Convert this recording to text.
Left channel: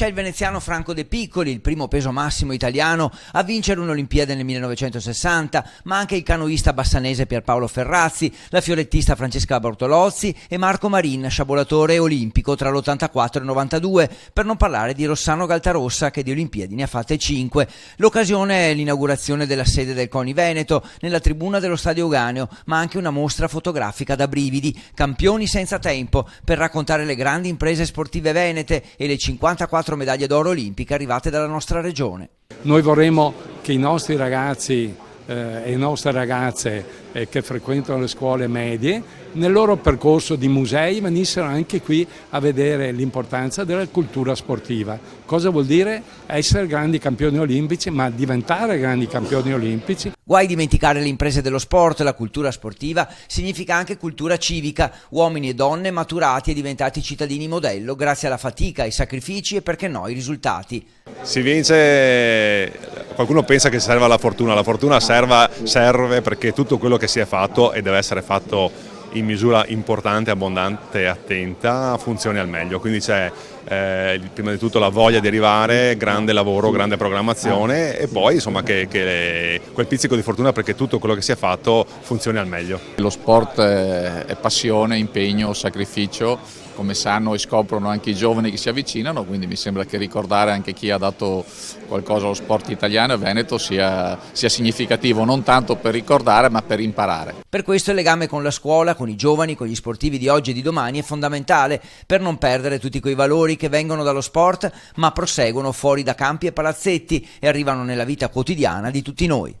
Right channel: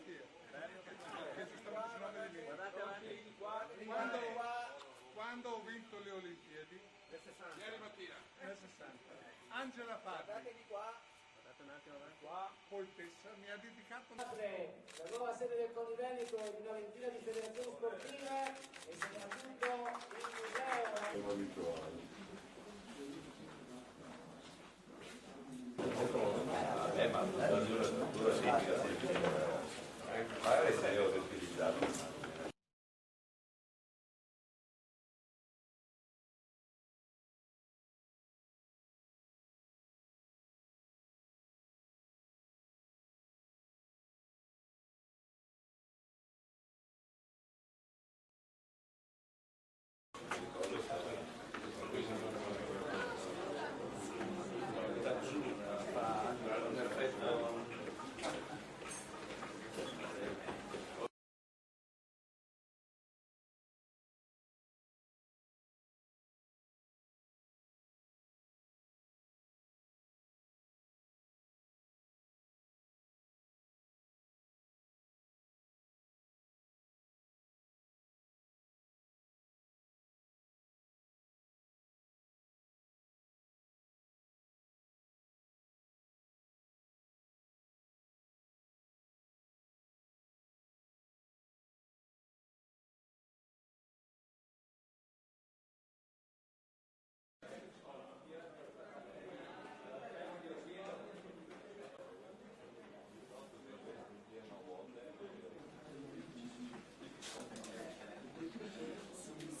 C'è il veneziano Franco De Piccoli, il primo peso massimo italiano a vincere un'Olimpiade nel 1960, ma anche il canoista bassanese Pierpaolo Ferrazzi, la fiorettista Francesca Bortolozzi e Marco Marin, sciabolatore olimpico tra l'84 e il 92, per non parlare di Rossano Galtarossa che di Olimpiadi ne ha fatte 5. L'occasione è l'inaugurazione della sede del CONI Veneto nella tribuna dello Stadio Euganeo, ma anche una mostra fotografica da brividi, campioni senza tempo, per raccontare le grandi imprese sportive venete e le 54 medaglie d'oro olimpiche arrivate dalla nostra regione. Noi vorremmo che i nostri ragazzi e le nostre ragazze che frequentano le scuole medie nel loro percorso di musei venissero anche qui a vedere l'importanza della cultura sportiva. Cosa vuol dire essere grandi campioni olimpici, ma diventare grandi campioni olimpici? Guai dimenticare le imprese dello sport, la cultura sportiva significa anche cultura civica, uomini e donne maturati e diventati cittadini modello grazie alla fatica, ai sacrifici e perché no ai risultati. Si vince, qualcuno pensa che serva la fortuna serve perché tutto quello che si è fatto e deve essere fatto in misura importante, abbondante e attenta funzioni al meglio, quindi c'è prima di tutto la voglia di arrivare, grande lavoro, grande programmazione e poi insomma quel pizzico di fortuna perché tutto quello che si è fatto funzioni al meglio. Lo sport è passione, impegno, sacrificio, come sanno e scoprono anche i giovani che si avvicinano, quindi mi sembra che ricordare anche chi ha dato qualcosa allo sport italiano e veneto sia significativo, non tanto per ricordare ma per imparare. Per questo il legame con la scuola, con i giovani, con gli sportivi di oggi e di domani è fondamentale per non perdere tutti quei valori che vengono dallo sport ma proseguono fuori da campi e palazzetti e arrivano nella vita quotidiana di tutti noi.